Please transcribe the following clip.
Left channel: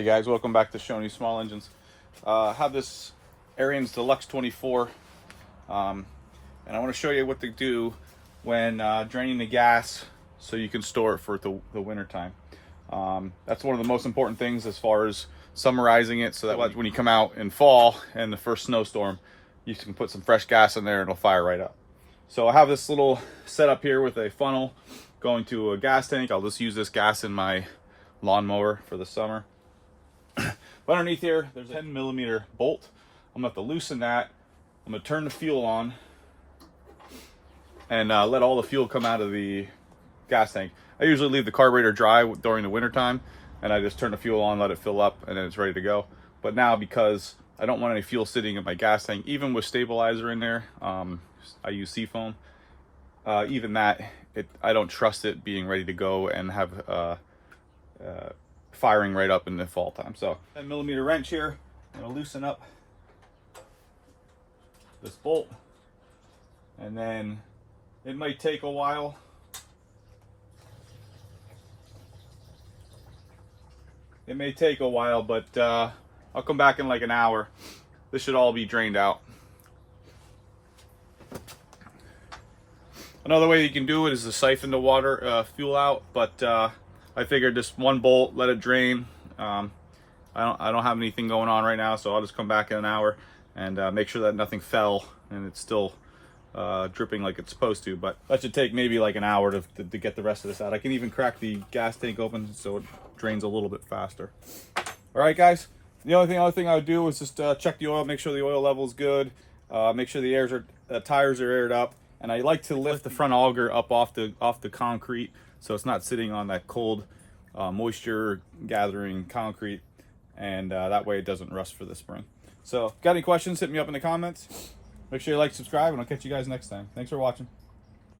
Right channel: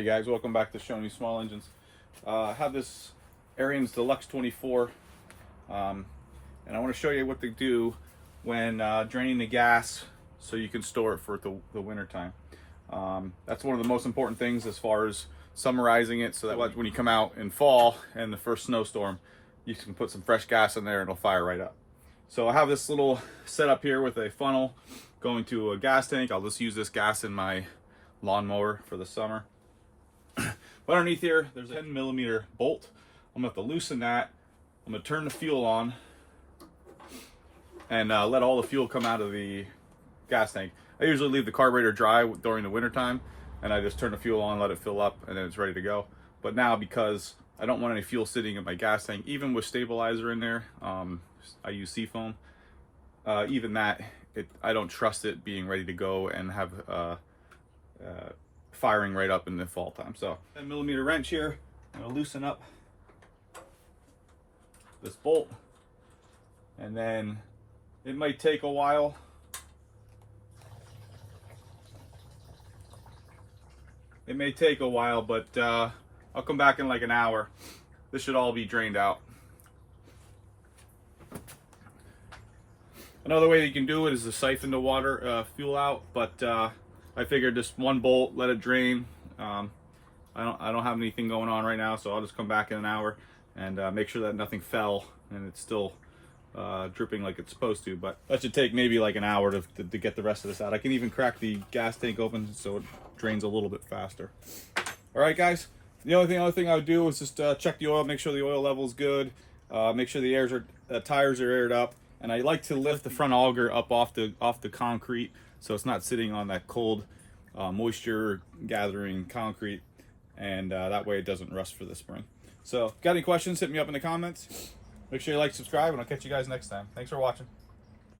Hey guys, welcome back to Showing You Small Engines. I have this Ariens Deluxe 24 and I want to show you what to do when draining the gas so you can store it for the winter time. That's one of the most important things as far as summarizing it, so that when you come out in fall and the first snowstorm, you can put some fresh gas in there and it'll fire right up. So I have this little setup here with a funnel going to a gas tank. I'll just use this gas in my lawnmower for the summer. But underneath here, there's a 10mm bolt. I'm gonna have to loosen that. I'm gonna turn the fuel on and let all the fuel come out of the gas tank. I usually leave the carburetor dry during the winter time, and I just turn the fuel on, let it fill up, and then it's ready to go. But now, because I don't want any fuel sitting in my gas tank, even with stabilizer in there, I use seafoam, even that, I don't trust it being ready to go and have firing right up in the fall time. So 10mm wrench here. I'm gonna loosen up this bolt, and then it might take a while. It may take a while, but I'll come back in like an hour. This should all be drained out. Another way you can do it is to siphon the water, fuel out, but I figured just one bolt, let it drain. I don't have anything going on right now, so I'll just come back in an hour and make sure that nothing fell and it's still dripping like it's supposed to. But that should take maybe like an hour to get the rest of this out. I can even crack the gas tank open so it drains a little bit faster. All right, guys. The other thing I would do is just check the oil, make sure the oil level is good, make sure the tires are aired up, and I like to lift the front auger up off the concrete so it's not sitting on that cold, moisture gathering concrete, and that way it doesn't rust for the spring. So, got any questions? Hit me up in the comments. Make sure you like, subscribe, and I'll catch you guys next time. Thanks for watching.